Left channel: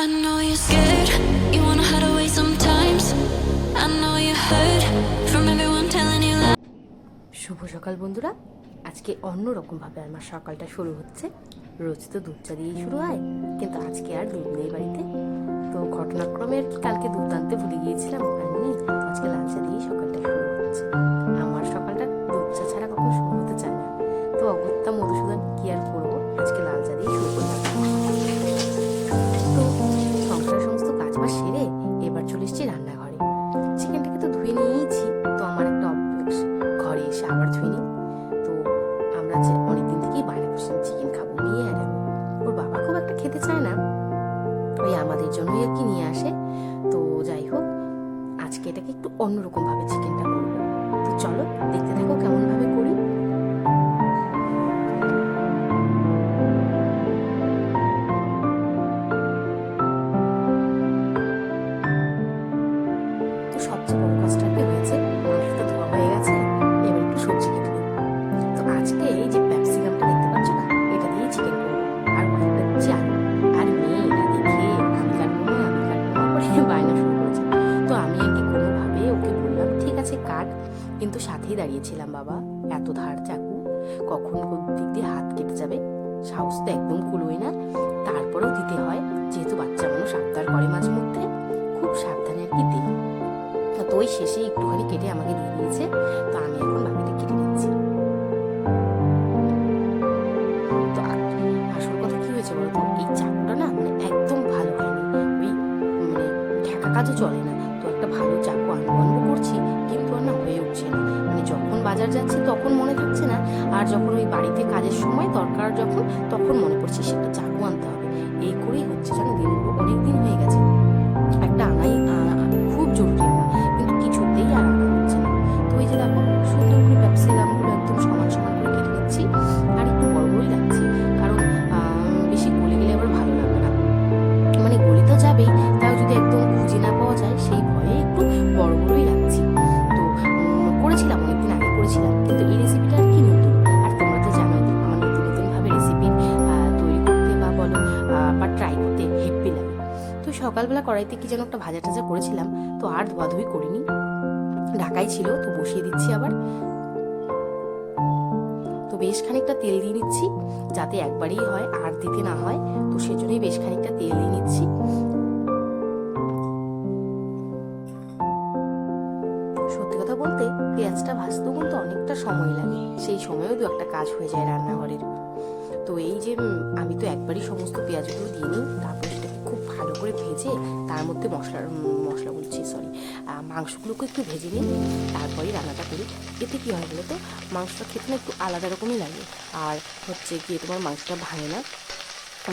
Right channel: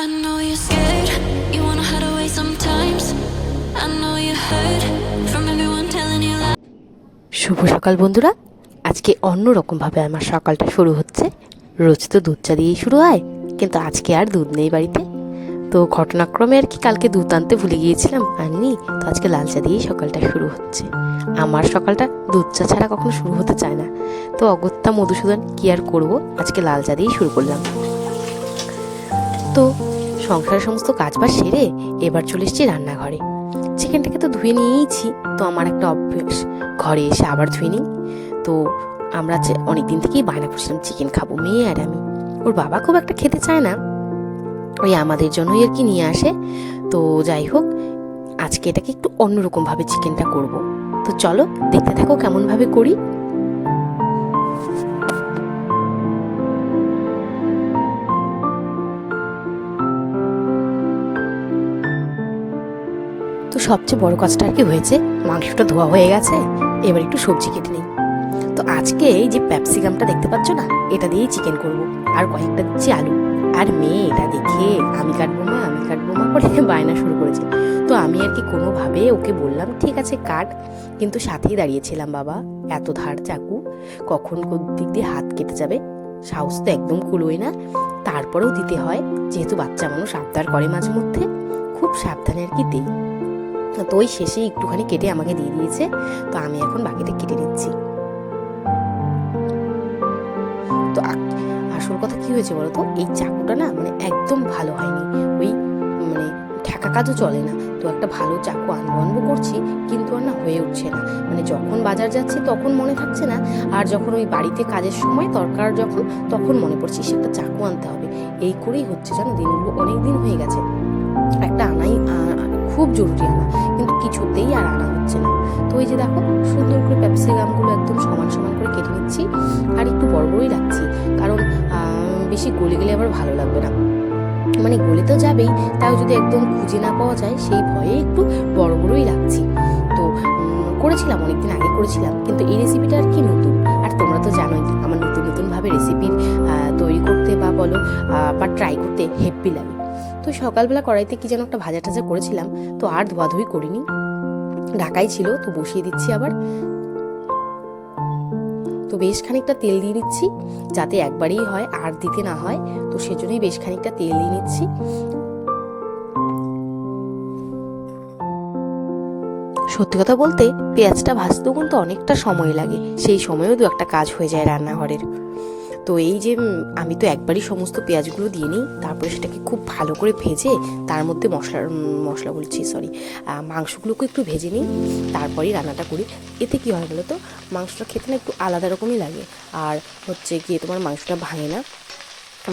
I know you're scared, you wanna hide away sometimes. I know you heard from everyone telling you lies. শুভ সকাল বন্ধুরা, আজকে অন্যরকমভাবে আমার সকালটা শুরু হচ্ছে। রোজ তো দুধ চা দিয়েই শুরু হয়, কিন্তু আজকে আর দুধ নেই বাড়িতে। তো ঘটনাক্রমে আর কি কালকে দুধ আনতে ভুলে গিয়েছিলাম, আনিনি। তো আজকে লাল চা দিয়েই সকালটা শুরু হচ্ছে। আমার সকালটা দুধ চা ছাড়া কখনো শুরু হতে চায় না। তো অগত্যা মধুসূদন কি আর করবো, আজকে লাল চা দিয়েই শুরু করলাম। তো সংসারের সমস্ত কাজবাজ সেরে এবার চলে এসেছি রান্নাঘরে। চিকেনটাকে তো ধুয়ে নিয়েইছি, তো আমার একটা অভ্যেস ঘরে এসে আবার ধুয়ে নিই। তো আমরা অনেকদিন থেকেই বায়না করছিলাম চিকেন খাবো, মেয়ে আর আমি। ওর বাবা খুব একটা খেতে চায় না, ওই আমাদের জন্যই আর কি নিয়ে আসে। তো যাই হোক, আজকে এটাকে একটু অন্যরকমভাবে চিকেনটা করব। তো চলো দেখতে থাকো কেমনভাবে করি। তো সবচেয়ে বড় কাজটা আর কি হয়েছে, মাংসটা ধোয়া হয়ে গেছে, এবার একটু সবজি কেটে নিই। তো আজকে এই যে ক্যাপসিকামটা দেখতে পাচ্ছ না, এটা দিয়েই চিকেন করব। আর কয়েকটা দিচ্ছি আলু। আর মেয়ে এটা দেখে আমি কাটবো মা করে বায়না শুরু করেছে। তো আমি আর কি কোনোভাবে ওকে বললাম ঠিক আছে কাট, কিন্তু সাথেই দাঁড়িয়েছিলাম, বাবা এত ধার চাকু, কখন কোন দিক দিয়ে হাত কেটে যাবে, সাহস তো একদম কুলোই না। তারপরেও দিতে হয়, যেহেতু বাচ্চা মানুষ আবদার করে মাঝে মধ্যে, খুব সাবধানে আর কি দিই। তো ওই শেষে একটুখানি কেটে আমাকে দিয়ে দিয়েছে। তো আমি এখন বাকিটা কেটে নিচ্ছি। তো আসল কথা কি হয়েছে বলতো, এই চাকুটা না মানে একদম ভালো হয়নি, ওই মানে ঠেকা কাজও চলে না। তো একটা ভালো চাকু আনবো করছি, কিন্তু আর না হয়ে উঠছে না। মানে যখন বাজার যাচ্ছে তখন মনে থাকছে না, আর যখন ওই বাড়িতে কাজের সময় দরকার যখন, তখন মনে পড়ছে সে একটা চাকু আনতে হবে। এই করেই হচ্ছে জানো, দিনগুলো অনেক দিন হয়ে গেছে, একটা আনাই খুব জরুরি আনা, কিন্তু কিছুতেই আর আনা হচ্ছে না। তো ওই যে দেখো সুন্দর করে ক্যাপসিকামগুলো একদম সমান সমান করে কেটে নিচ্ছি, আর একটু বড় বড়ই রাখছি, কারণ বেশি গলে গেলে আবার ভালো লাগবে না। মানে গলে তো যাবেই, তাও যদি একদম খুঁজে না পাওয়া যায় সেই ভয়ে একটু বড় বড়ই রাখছি। তো করেছিলাম অনেকদিন আগে করেছিলাম, কিন্তু এই রেসিপিটা আর কি নতুন। আর তোমরা তো জানোই আমার নতুনভাবে রেসিপি তৈরি করতে বা বলো বা ট্রাই করতে হেব্বি লাগে। তো সকালবেলা কড়াইতে কি যেন একটা ভাজা টাজা করেছিলাম, তো আর ধোয়াধুয়ি করিনি, ঢাকাই ছিল। তো বসিয়ে দিচ্ছি আবার। তো বেশ খানিকটা তেল দিয়ে নিচ্ছি, যাতে একবারেই হয় আর দিতে না হয়। তো সেজন্যই বেশ খানিকটা তেল দিয়ে নিচ্ছি। সত্যি কথা বলতে পেঁয়াজটা ভাজতেও কিন্তু অনেকটা সময় লাগে, সেই সময়ও দু একটা কাজ হয়ে যায় রান্নাঘরের। তো এই যে আমি তো একবারই সমস্ত পেঁয়াজগুলো দিয়ে নিই, তারপরে সেটাকে খুব ভালো করে ভেজে তার মধ্যে মশলা বলছি সরি মাংসগুলোকে একটু ভেজে নিই, তারপরেই রান্নাটা করি। এতে কী হয় বলো তো, মাংসটা খেতে না একটু আলাদা রকমই লাগে, আর হচ্ছে গিয়ে তোমার মাংসটা ভাঙে না।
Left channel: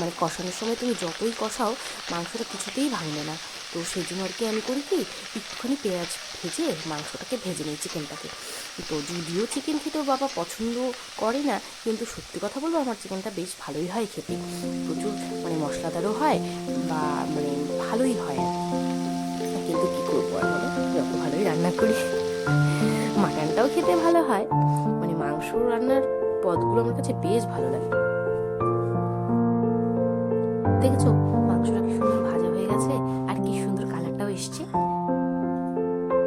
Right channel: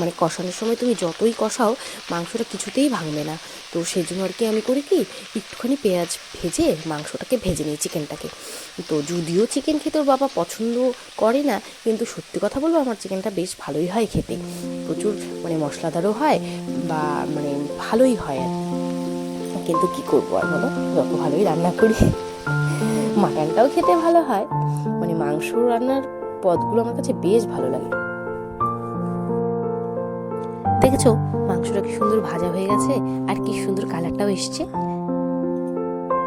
মানে কষানোর সময় তুমি যতই কষাও মাংসটা কিছুতেই ভাঙবে না। তো সেই জন্য আর কি আমি করি কি, একটুখানি পেঁয়াজ ভেজে মাংসটাকে ভেজে নিই, চিকেনটাকে। তো যদিও চিকেন খেতে ওর বাবা পছন্দ করে না, কিন্তু সত্যি কথা বলবো আমার চিকেনটা বেশ ভালোই হয় খেতে, প্রচুর মানে মশলাদারও হয় বা মানে ভালোই হয়। কিন্তু কি করবো আর বলো, যত ভালোই রান্না করি, মাটনটাও খেতে ভালো হয়, মানে মাংস রান্নার পদগুলো আমার কাছে বেশ ভালো লাগে। দেখেছো মাংসটা কি সুন্দর ভাজা হয়ে গেছে, আর কি সুন্দর কালারটাও এসছে,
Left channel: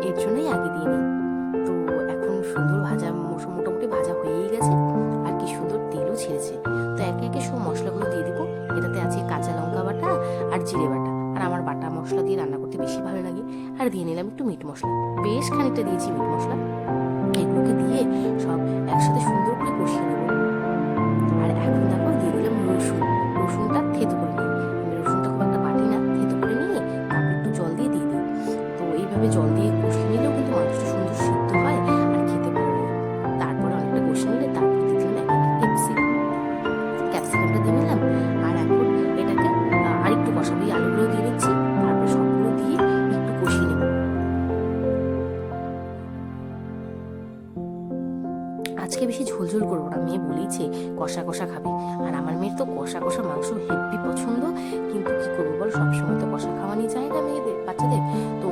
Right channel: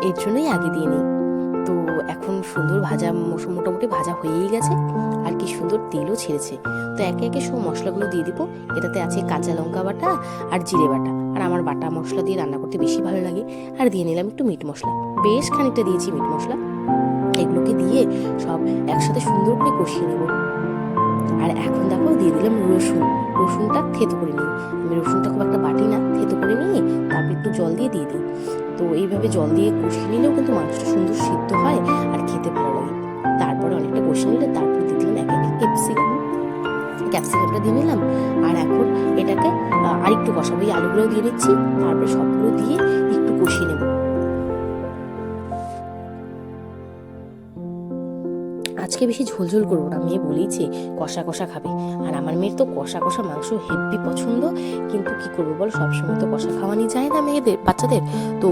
এর জন্যই আগে দিয়ে নিই। তো এখন সুন্দর ভাজা মোটামুটি ভাজা হয়েই গেছে, আর কি সুন্দর তেলও ছেড়েছে। তো একে একে সব মশলাগুলো দিয়ে দিব। এটাতে আছে কাঁচা লঙ্কা বাটা আর জিরে বাটা, আর আমার বাটা মশলা দিয়ে রান্না করতে বেশি ভালো লাগে। আর দিয়ে নিলাম একটু মিট মশলা, বেশ খানিকটা দিয়েছি মিট মশলা। এগুলোকে দিয়ে সব একসাথে সুন্দর করে কষিয়ে নেব। আর এখন দেখো দিয়ে দিলাম রসুনটা থেতো করে নিই। আমি রসুনটা খুব একটা বাটি না, থেতো করে নিয়ে তারপর একটু জল দিয়ে দিই। তো এইভাবে জল দিয়ে কষিয়ে নিলেও কিন্তু মাংসটা সুন্দর সিদ্ধ হয় আর খেতে ভালো লাগে। তারপরে অনেকটা কষিয়ে নিলে তারপরে দিয়ে দিলাম এক এক ক্যাপসিকামটা দিয়ে নিলাম। আর এখন এটাকে আর একটু কষাবো, এই আলুগুলো দিয়ে নিচ্ছি, তারপর সবগুলো দিয়ে একটু কষিয়ে নেব। আজকে বেশি ঝোলঝোল করবো না, মেয়ে বলেইছে কষা কষা খাবে, আর আমার মেয়ের তো কষা কষা মাংস হেব্বি পছন্দ। কিন্তু কি করবো বল, সবসময় তো কষা খাওয়ানি যায় না বাচ্চাদের। তো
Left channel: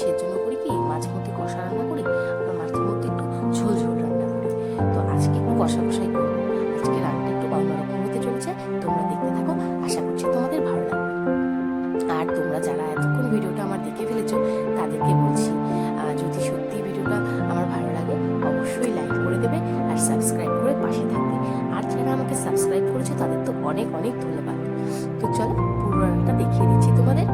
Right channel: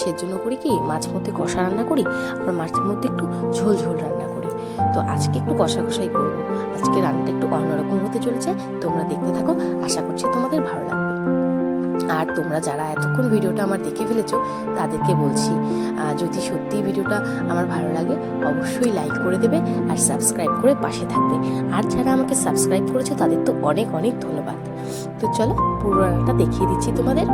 সেজন্য করি কি, মাঝে মধ্যে কষা রান্না করি, আর মাঝে মধ্যে একটু ঝোল রান্না করি। তো আজকে একটু কষা কষাই করবো। আজকে রান্নাটা একটু অন্যরকম হতে চলেছে, তোমরা দেখতে থাকো, আশা করছি তোমাদের ভালো লাগবে। আর তোমরা যারা এতক্ষণ ভিডিওটা আমার দেখে ফেলেছো তাদেরকে বলছি, যদি সত্যি ভিডিওটা আমার ভালো লাগে অবশ্যই লাইক করে দেবে আর সাবস্ক্রাইব করে পাশে থাকবে। আর যারা আমাকে সাবস্ক্রাইব করেছো তাদের তো অনেক অনেক ধন্যবাদ। তো চলো পুরো রান্নাটা দেখিয়ে দিচ্ছি তোমাদের।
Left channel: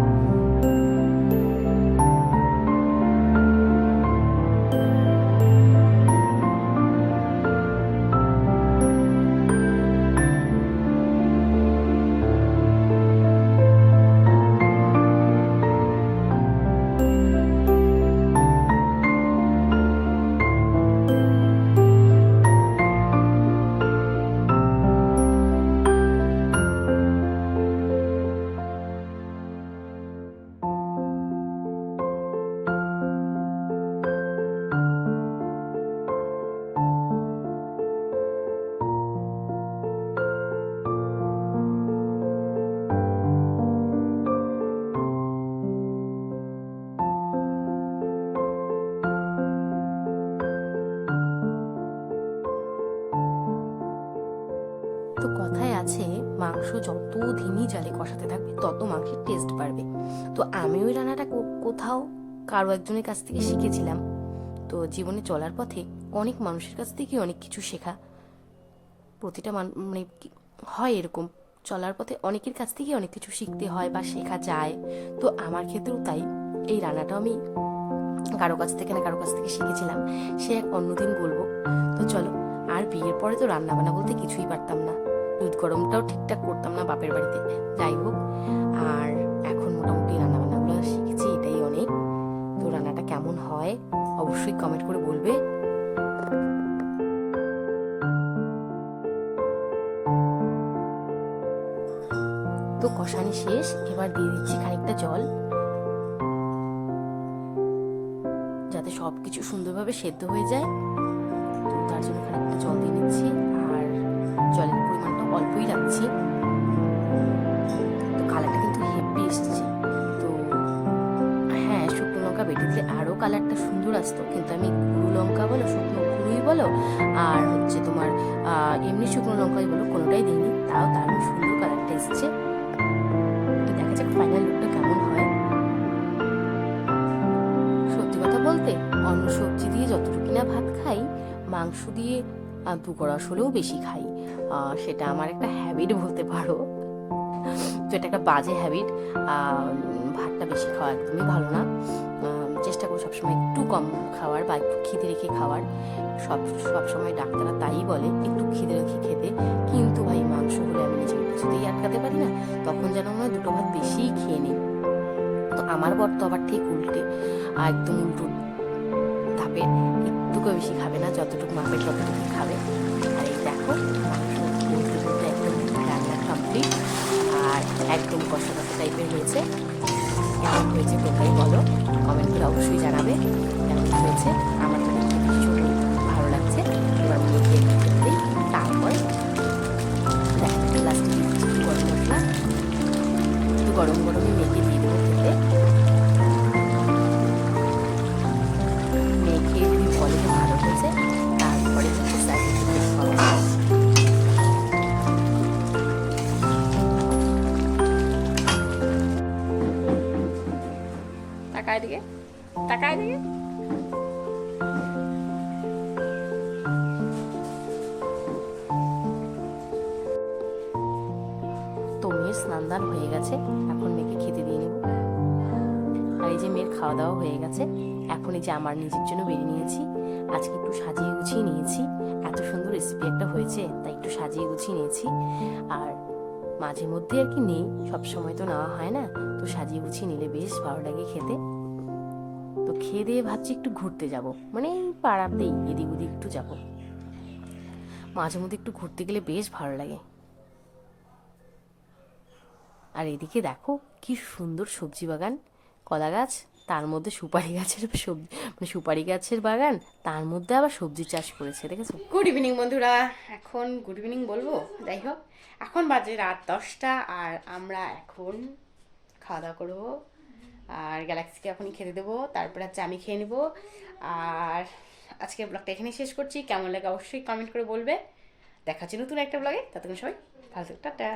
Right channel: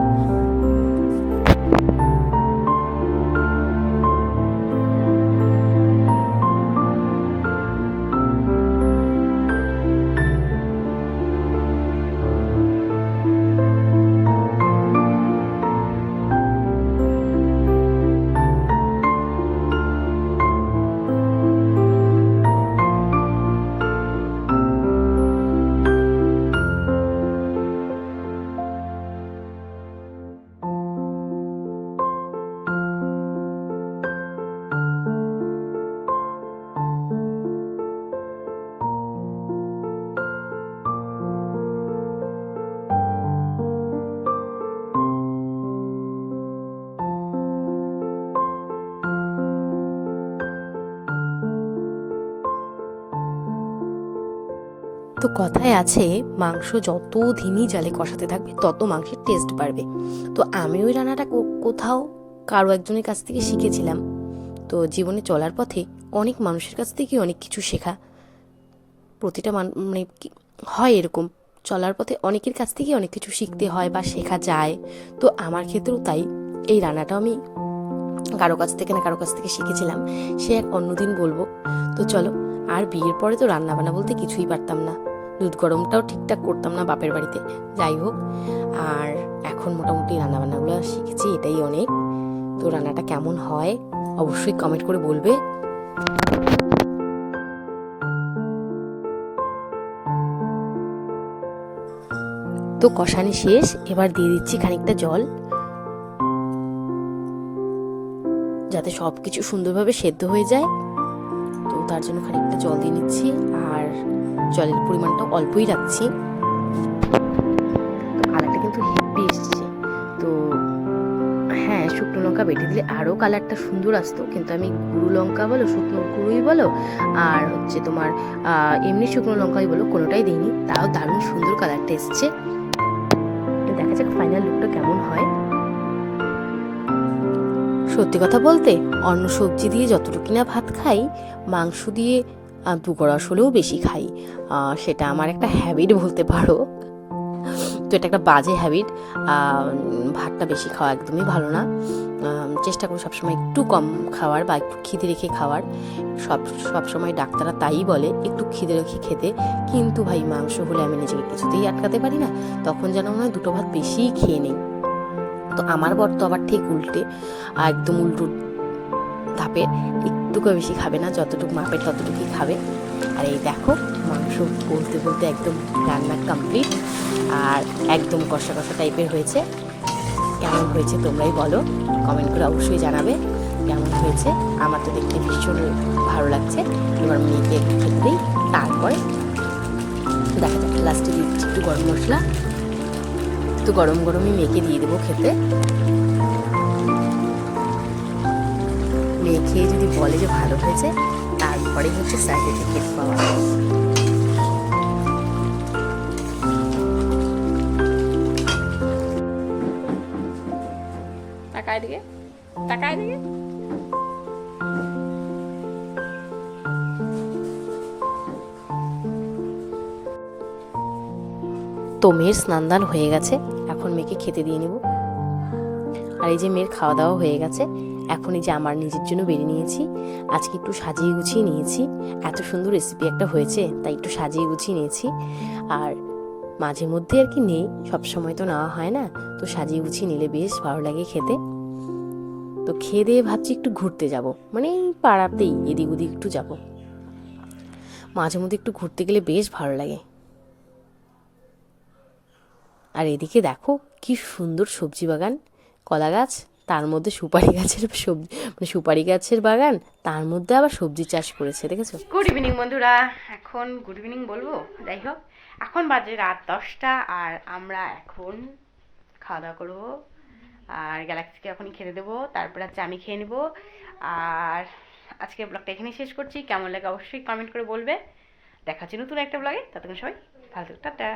তো কথায় আছে মাংস যত ধিমি জালে কষাতে থাকবে তত মাংসের টেস্ট বাড়বে। তো আমি ওই রান্নাটা কোথাও কারো একজনের কাছ থেকে শিখেছিলাম। তো জীবনে চলার পথে অনেক মানুষের কাছ থেকে অনেক কিছু শেখা, প্রতিটা মানে হয় এরকম, চলার পথে অনেকের কাছ থেকে অনেক কিছু শিখতে হয় বা শেখা যায়। তো আমার ক্ষেত্রেও তাই, এই রান্নাটা আমি কারো কাছ থেকে না কারো কাছ থেকে শিখেছিলাম, সে এক অন্যদিন বলবো। তো চলো, আর বিয়ের পরে তো রান্না বান্না বলতে কিছুই পারতাম না, দুধ গরমটাও ঠিকঠাক করতাম না বাপের বাড়িতে, যাই হোক। আর এখন মোটামুটি রান্নাবান্নাগুলো শিখেছি, এটাই অনেক। তো রান্নাটা কেমন হয় অবশ্যই কমেন্ট করে বলবে। তো কষানি শেষ, এবার দিয়ে দিচ্ছি খানিকটা জল, যাতে সব কিছু সুন্দরভাবে সেদ্ধ হয়ে যায়। তো তার জন্য খানিকটা জল দিয়ে নিচ্ছি, আর জলের পরিমাণটা অল্পই রাখছি। তো কালারটা কিন্তু হেভি এসছে। তো হ্যাঁ, শুকনো লঙ্কা বেটে দিলে আরও কালারটা সুন্দর আসতো, কিন্তু আমি গুঁড়ো লঙ্কা বলো, শুকনো গুঁড়োই বলো, আর হচ্ছে তোমার এমনি শুকনো লঙ্কাই বলো, কোনোটাই দিইনি, তাও দারুণ সুন্দর কালারটা এসছে। দেখা যাক ফাইনাল লুকটা কেমন হয়। সত্যি কথা বলতে অন্য সবজি দিয়ে যতটুকু না ভাত খাই, মাংস দিয়ে দুগড়াস হলেও বেশি খাই। সেটা আমার একটা হ্যাবিট বলতে পারো। তো এটা একটা বাজে হ্যাবিট, ভাতটা বেশি খাওয়া একদমই ভালো না। চেষ্টা করি সবসময় একটু কম খাওয়ার বা একটু খিদে রেখে খাওয়ার। সবসময় ডাক্তাররা তাই বলে একটু খিদে রেখে খেতে, কিন্তু ভাই মাংস হলে আমি নিজেকে কিছুতেই আটকাতে পারি না, তখন যেন মনে হয় দুটো ভাত বেশিই খেয়ে নিই। তো আমার বর তো আবার ঠিক উল্টে, একদম উল্টো ধাপে, একটুকু বেশি খাবে না, যতটুকু মাপের ততটুকুই খাবে। আর এই দেখো মাংস বলতে বলতে একদম রান্না কমপ্লিট, আর একদম কষা কষা টাইপের হয়েছে। কেমন হয়েছে তোমরাই বলো, কমেন্ট করে অবশ্যই জানাবে কেমন হয়েছে। আমার তো দেখতে ভীষণ ভালো লাগছে। এবার মেয়েকে খেতে দিই, তারপরে দেখা যাচ্ছে লাস্টে দিচ্ছি একটু গরম মশলা। তো গরম গরমই মেয়েকে দিয়ে দেবো খেতে। মেয়ে খেয়ে যদি বলে যে ভালো হয়েছে, তারপরে হচ্ছে সার্টিফিকেট পাওয়া। তাকায় দিকে, তাকায় দিকে। তো মেয়ের স্নান দান হয়ে গেছে, এখন মেয়েকে খেতে দিয়ে নেব। আর এই যে মেয়ের খাওয়া দাওয়া হয়ে গেছে, এখন এই যে আমার নিজের জন্য বেরিয়ে নিয়েছি। আজকে একটু সাজিয়ে গুছিয়ে নিয়েছি, এত সুন্দর রেসিপি একটা হয়েছে তাই একটু সাজিয়ে গুছিয়ে নিয়েছি। আর মাঝে মধ্যে আর কি নেই, সবসময় তো নেওয়া হয় না, তো সাজিয়ে গুছিয়ে নিলে বেশ ভালো লাগে খেতে। তো খেয়ে দিয়ে ভাবছি একটু ঘুরতে যাব, মানে এই পাড়াতেই এদিক ওদিক একটু যাব। মাঝে মধ্যে একটু ঘুরতে গেলে বেশ ভালো লাগে। আর এদিকে দেখো কি সুন্দর সবজি বাগান, কলা গাছ, তার মধ্যে সুপারি গাছের সবজি, মানে সুপারি গাছের বাগান, তার মধ্যে আবার সবজি চাষ করেছে, দেখেছো। গুড ইভিনিং বন্ধুরা, এখন গুড ইভিনিং বলবো, যাই হোক এখন বাজে রাত 10টা, আর আমরা এখন খাওয়া দাওয়া করবো, আর গ্যালাক্সিকে এখনই খেতে দেবো, তারপরে হচ্ছে আমি খেয়ে নেবো। আর আজকে ব্লগটা এখানেই শেষ করছি, কেমন লাগে অবশ্যই কমেন্ট করে বলবে। দেখা হচ্ছে নতুন একটা ব্লগে, ততক্ষণ সবাই ভালো থাকো, টাটা।